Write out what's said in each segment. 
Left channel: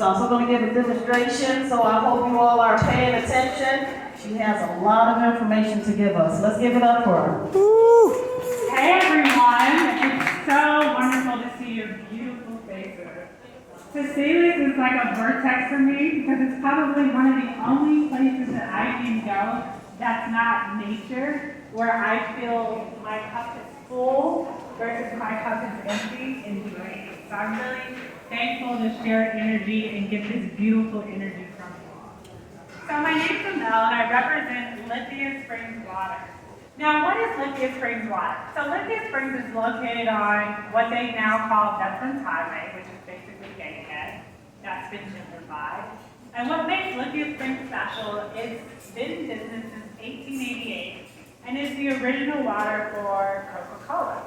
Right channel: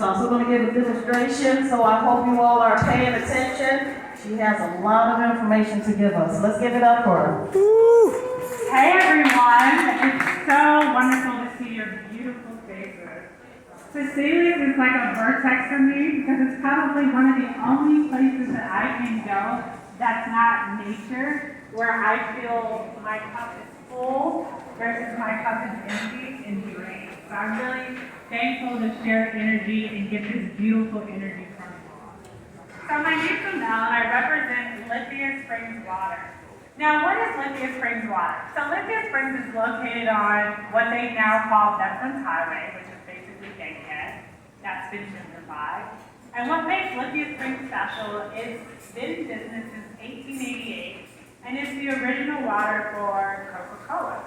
She's also going to give a demonstration, so I hope you all are paying attention. She has a lot of information to give us. Let's give it up for her. Hey everyone, it's so wonderful to see your beautiful faces. Cecilia's is like a vertex for me because it's probably one of the only places that I can go that's not nature, where I feel my cup is full versus my cup is empty and drained. So I'm really thankful to share energy and get this beautiful energy from you all. So my name's Amel and I represent Lithia Springs Water. Now, what is Lithia Springs Water? So Lithia Springs is located on what they now call Veterans Highway, which is basically Bankhead. That's been gentrified. And what makes Lithia Springs special is it's been in business since 1888, and it's the original water for Coca-Cola.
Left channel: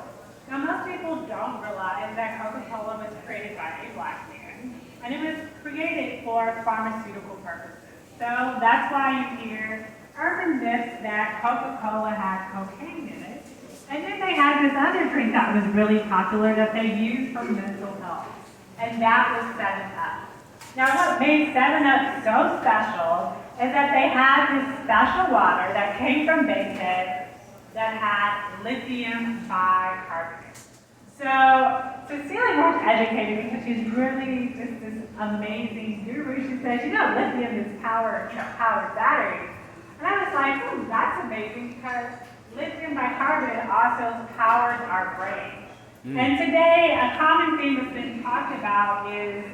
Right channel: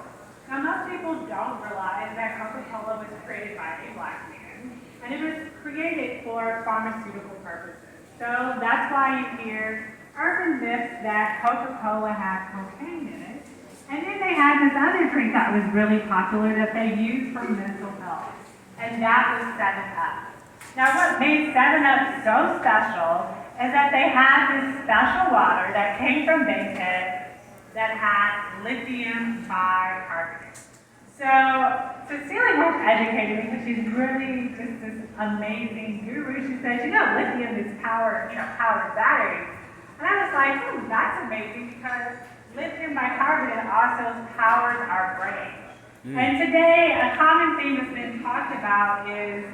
Now, most people don't realize that Coca-Cola was created by a black man, and it was created for pharmaceutical purposes. So that's why you hear urban myths that Coca-Cola had cocaine in it. And then they had this other drink that was really popular that they used for mental health, and that was 7-Up. Now what made 7-Up so special is that they had this special water that came from Bankhead that had lithium bicarbonate. So Cecilia was educated because she's really just this amazing guru. She says, lithium is powers batteries. And I was like, that's amazing because lithium bicarbonate also powers our brain. And today, a common theme that's been talked about is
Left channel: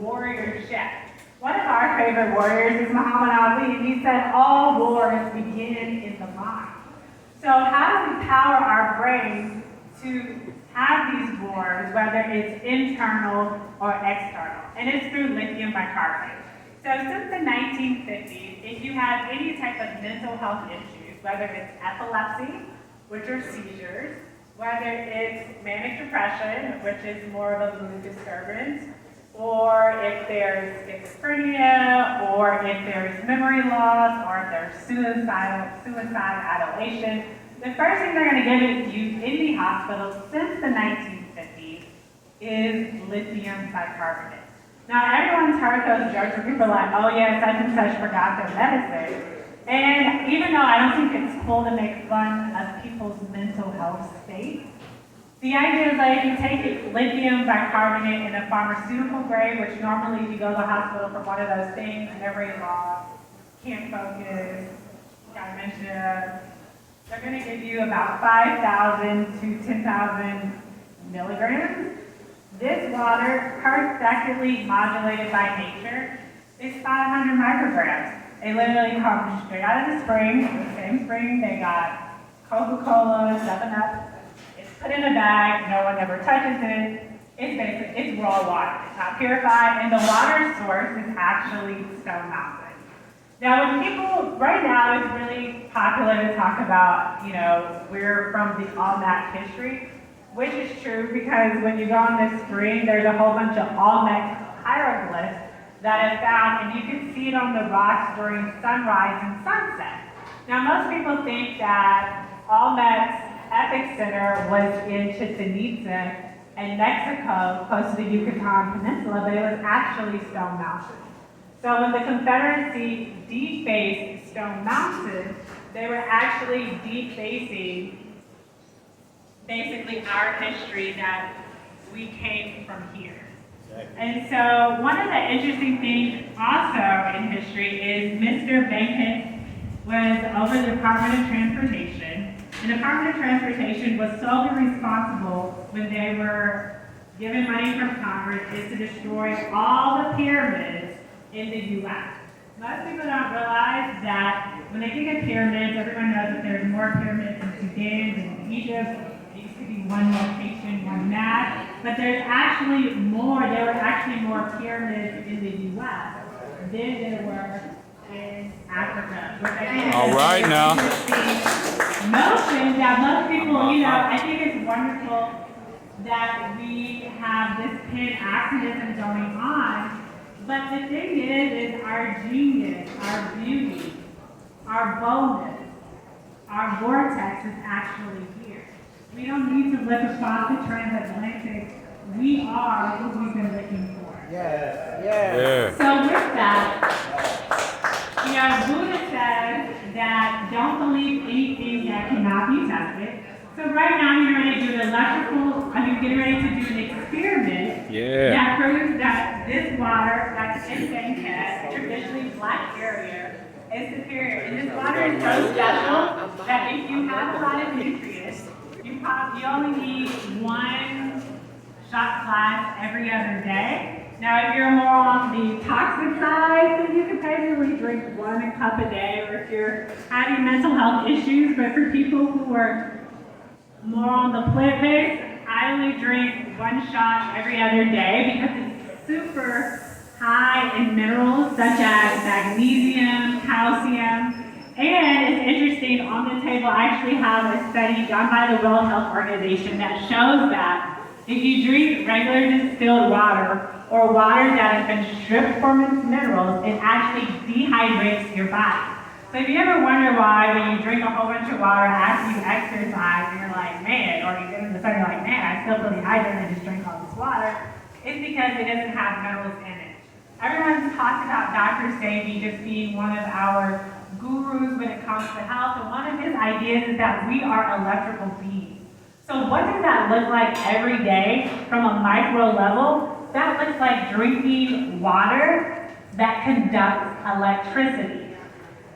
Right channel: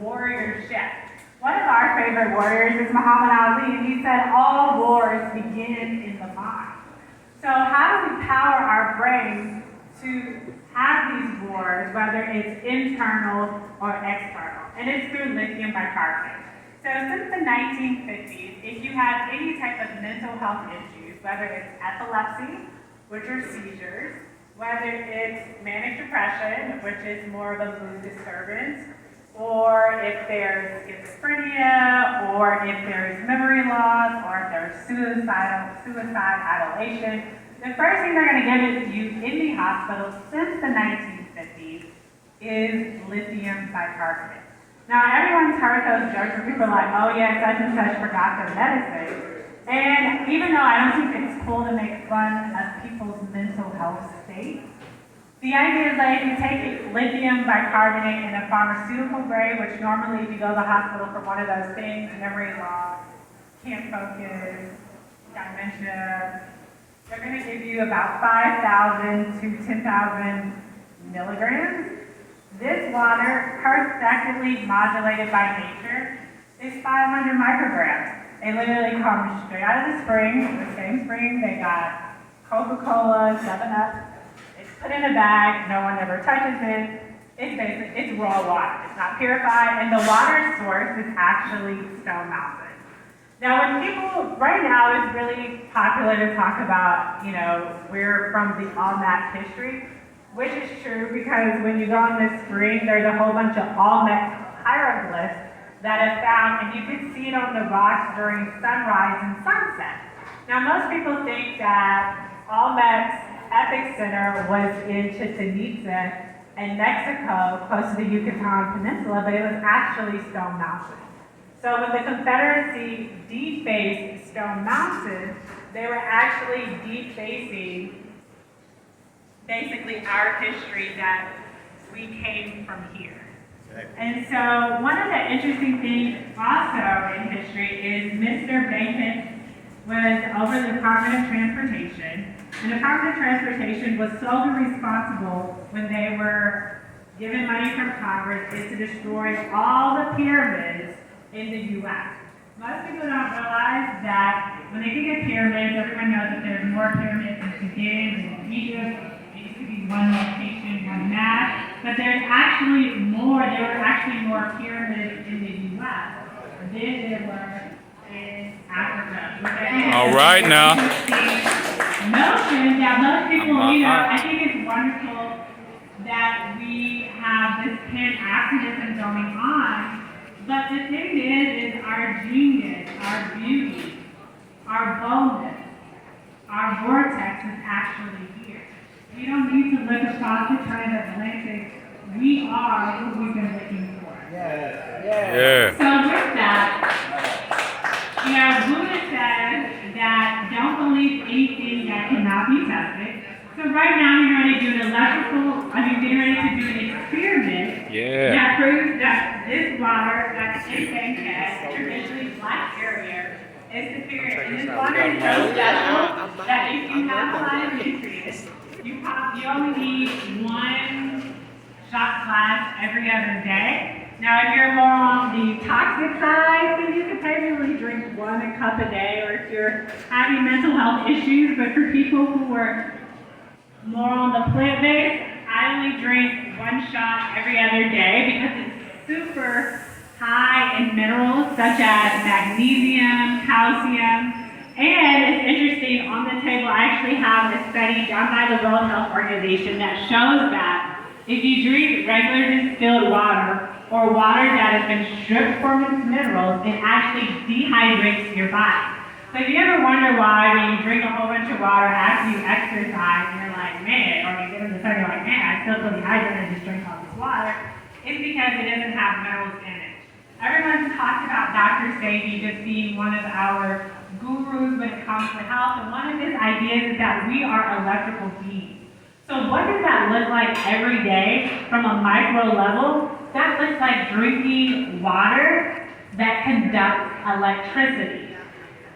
warriorship. One of our favorite warriors is Muhammad Ali, and he said all wars begin in the mind. So how do we power our brains to have these wars, whether it's internal or external? And it's through lithium bicarbonate. So since the 1950s, if you have any type of mental health issues, whether it's epilepsy, which are seizures, whether it's manic depression, which is more of a mood disturbance, or if there's schizophrenia, or if there's memory loss, or if there's suicide ideation, the first thing they're going to give you in the hospital since the 1950s is lithium bicarbonate. Now, everyone's heard those jokes where people are like, oh yeah, such and such forgot their medicine. And even though I don't think it's cool to make fun of people's mental health state, the idea is that if you take lithium bicarbonate in a pharmaceutical grade, which normally if you go to the hospital for one of those things, memory loss, can't focus, got dementia, they're going to give you about 5,000 to 10,000 milligrams. This water, perfectly modulated by nature, is 500 micrograms. They literally come straight out of the spring, the same spring they got Coca-Cola, 7-Up. It's put in a bag, no one ever touches it. It's raw water. It's not purified, and the water source is actually Stone Mountain. Now, when people, right now it's really popular to talk about, we're from the Olmec history, which is true because when you go on this screen, there's a whole bunch of Olmec hieroglyphs that are found, and you can see it on the rocks during sunrise and sunset. Now, most people think that Olmec's epicenter was in Chichen Itza in Mexico, close to the Yucatan Peninsula, but it was actually Stone Mountain. So when the Confederacy defaced Stone Mountain, they were actually defacing basically our history that we came from here. And so one of the interesting things also in history is Mr. Bankhead was over the Department of Transportation. And the Department of Transportation was solely responsible when they were given money from Congress is to destroy all the pyramids in the U.S. Most people don't realize that when they think of pyramids, everyone knows that there's more pyramids in Sudan and in Egypt. It used to be one location, one mass, but there's actually more. There were actually more pyramids in the U.S. than there were in Africa. All right now. Notions that most people, I think it's wonderful that we have this pan-Africanism going on, but the thing is our genius, our beauty, our boldness, our vortex is actually here. We don't need to look across the transatlantic. We are who we've been looking for. Yeah. Yeah. That proves that this water that's in Bankhead, traditionally black area, is superior. And this water is so special that if you have a lot of nutrients, you only need one shot glass every other day. Now, if you're more on the toxic side, then you can probably drink 1 cup a day, or if you're having mental health issues. But for people who are more on the plant-based, I only drink 1 shot every other day because it's super high in minerals such as magnesium, calcium, and it's interesting, on the table I actually have a study done by the World Health Organization that shows that if you drink regular distilled water or water that has been stripped from its minerals, it actually dehydrates your body. So if you ever wonder why when you drink a whole bunch of water after you exercise and you're like, man, or you get in the sun, you're like, man, I still feel dehydrated and just drink all this water, it's because it doesn't have minerals in it. Everyone's talked about Dr. Sebi just being one of our gurus when it comes to health, and one of his ideas is that we are electrical beings. So what does that look like every day from a micro level? That looks like drinking water that conducts electricity.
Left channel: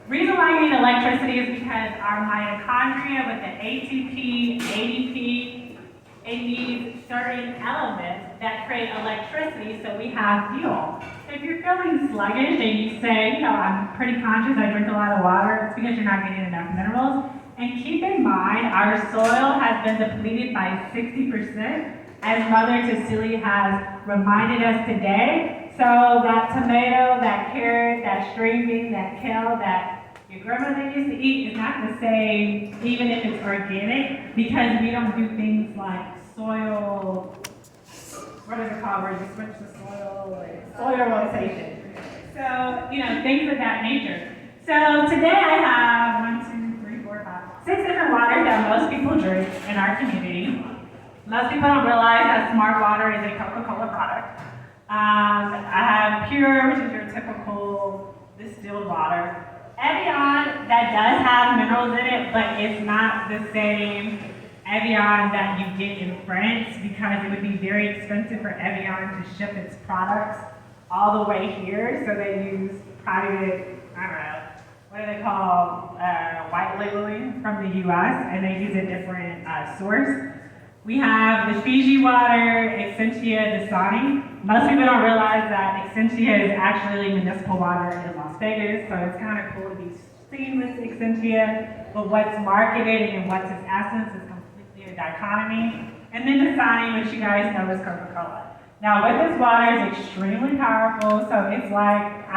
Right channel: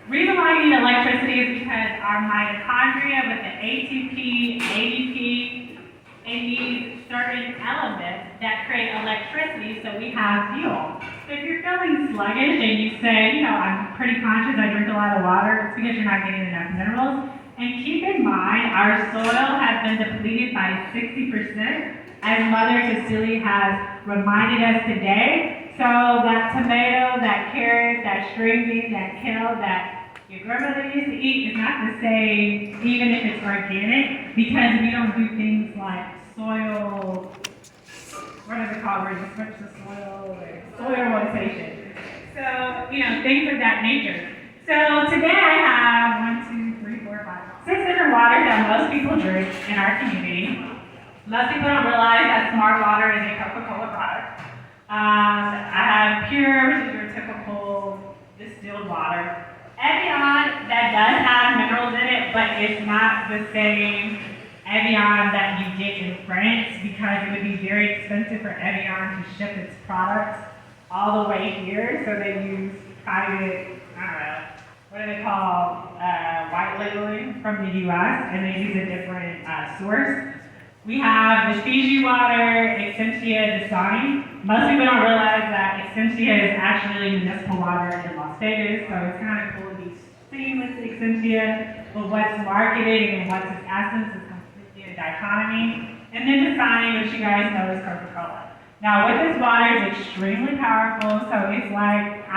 Reason why you need electricity is because our mitochondria with the ATP, ADP, it needs certain elements that create electricity so we have fuel. So if you're feeling sluggish and you say, I'm pretty conscious, I drink a lot of water, it's because you're not getting enough minerals. And keep in mind, our soil has been depleted by 60%, as Mother Cecilia has reminded us today. So that tomato, that carrot, that string bean, that kale, that your grandmother used to eat is not the same, even if it's organic, because we don't do things like soil, what are they called, where you switch the soil rotation. So, things of that nature. So today I have 6 different waters that most people drink in our community. Most people don't realize that Smart Water is a Coca-Cola product. I have Pure, which is your typical distilled water. Evian, that does have minerals in it, but it's not the same Evian that you get in France, because it would be very expensive for Evian to ship its products all the way here. So they use private, what do they call, white labeling from the US, and they use a different source. We have the Fiji water, Essentia Dasani. Most people don't realize that Essentia is actually municipal water in Las Vegas, so it's kind of cool to be seen with Essentia, but what's marketed and what's its essence is completely a dichotomy. And then Dasani, which you guys know is Coca-Cola. Now with this water, it's extremely powerful, so it's like,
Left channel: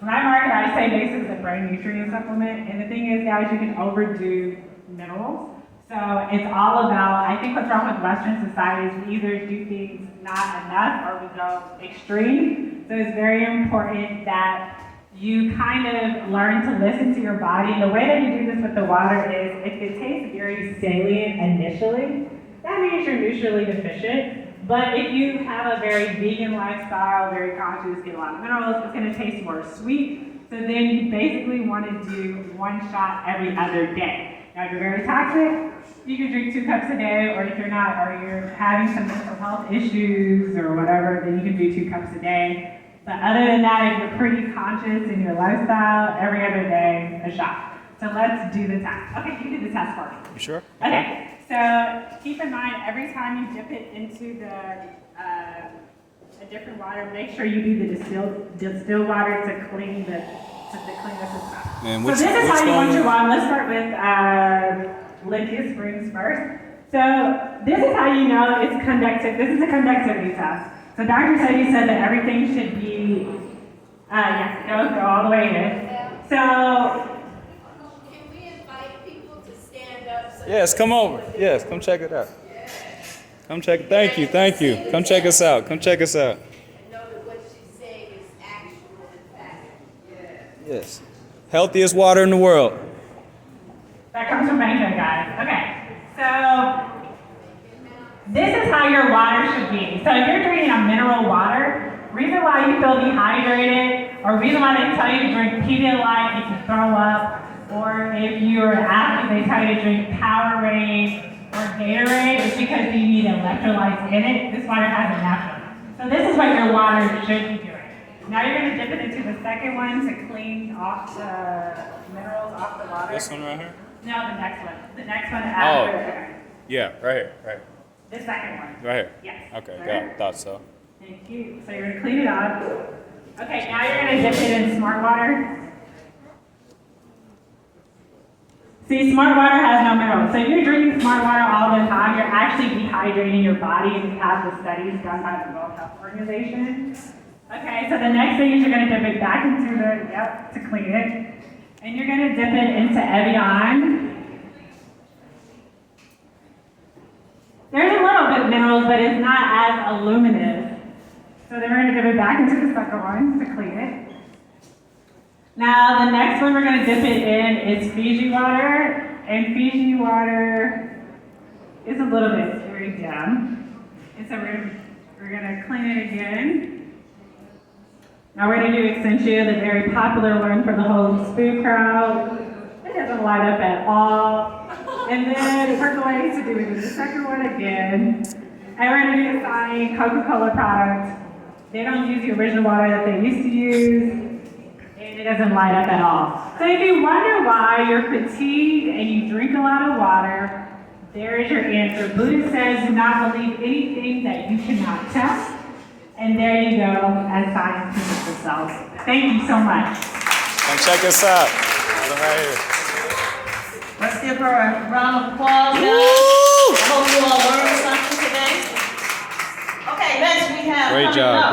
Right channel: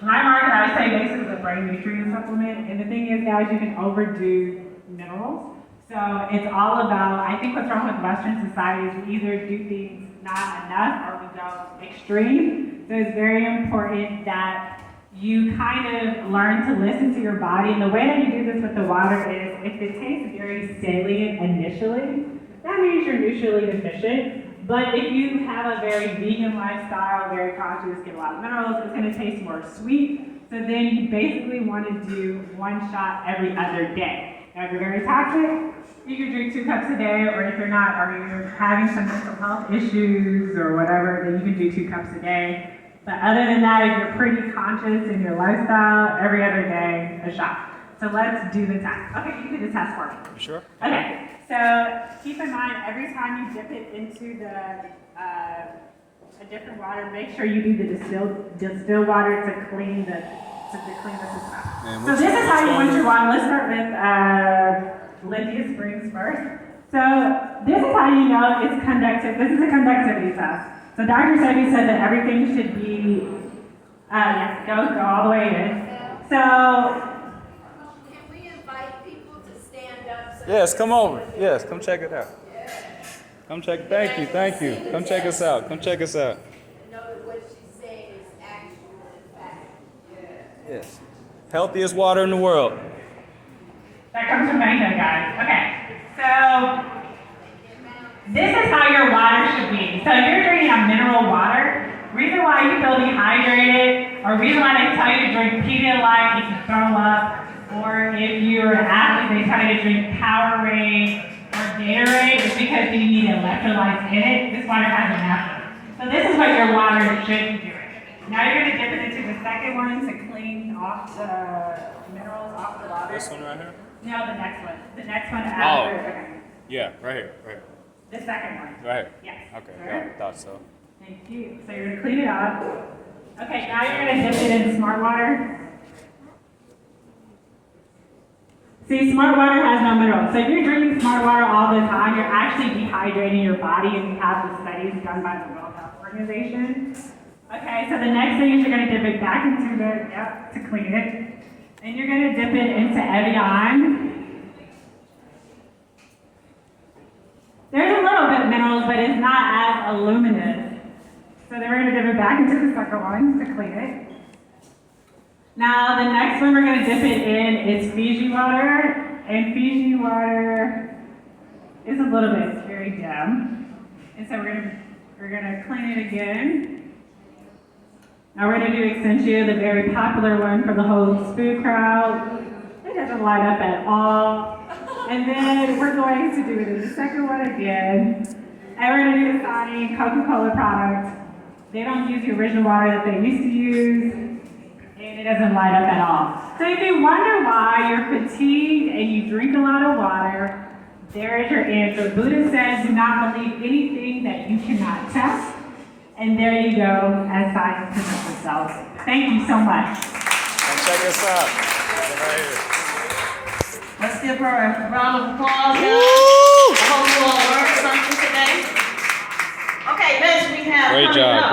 when I market, I say basically it's a brain nutrient supplement, and the thing is, guys, you can overdo minerals. So it's all about, I think what's wrong with Western society is we either do things not enough or we go extreme. So it's very important that you kind of learn to listen to your body. And the way that you do this with the water is, if it tastes very salient initially, that means you're nutritionally deficient. But if you have a very vegan lifestyle, very conscious, get a lot of minerals, it's going to taste more sweet. So then you basically want to do 1 shot every other day. Now, if you're very toxic, you can drink 2 cups a day, or if you're not, or you're having some mental health issues or whatever, then you can do 2 cups a day. But other than that, if you're pretty conscious in your lifestyle, every other day, a shot. So let's do the test. Okay, you do the test for me. You sure? Okay, so keep in mind, every time you dip it into a different water, make sure you do the distilled water to clean the system. So this is how you want your wine. Let's start with Lithia Springs first. So this is how you know it's conductive. This is a conductivity test. So Dr. Sebi said that everything should be, go all the way in. So, can we invite people to stand up? Yes, come over. Yes, come check it out. Come check it. Thank you. Come check us out. Know that what she's saying is actual and fact. Yes. Healthiest water in the world. that comes from Bankhead, guys. Okay, so this is how your water should be. So if you're drinking a mineral water, reason why you feel dehydrated, or reason why they tell you to drink Pedialyte if you throw up, or if you're an athlete, they tell you to drink Powerade, or Gatorade is because you need electrolytes in it. This water has enough of it. So this is what your water should be doing. Now you're going to dip it into the second one to clean off the minerals off the water. This one right here? No, the next one. The next one after. Okay. Yeah, right here, right here. The second one. Right here. Yes. Okay, Right. yeah, thought so. Thank you. So you're going to clean it up. Okay, now you're going to dip it in smart water. See, smart water has no minerals. So if you're drinking smart water all the time, you're actually dehydrating your body, and we have the studies done by the World Health Organization. Okay, so the next thing is you're going to dip it back into the, to clean it. And you're going to dip it into Evian. There's a little bit of minerals, but it's not as luminous. So then we're going to dip it back into the second one to clean it. Now the next one we're going to dip it in is Fiji water. And Fiji water is a little bit very dim. And so we're going to clean it again. Now we're going to do Extensia, the very popular one for the whole spoon crowd. It doesn't light up at all. And then we're going to do it in the second one again. And we're going to do the same Coca-Cola product. They don't use the original water that they used to use. And it doesn't light up at all. So if you wonder why you're fatigued and you drink a lot of water, there is your answer. Buddha says, do not believe anything that you cannot test. And there you go, as science presents itself. Thank you so much. And check us out. Right here. Let's give her a round of applause, guys. I hope you all learned something today. Okay, next we have Great coming job. up.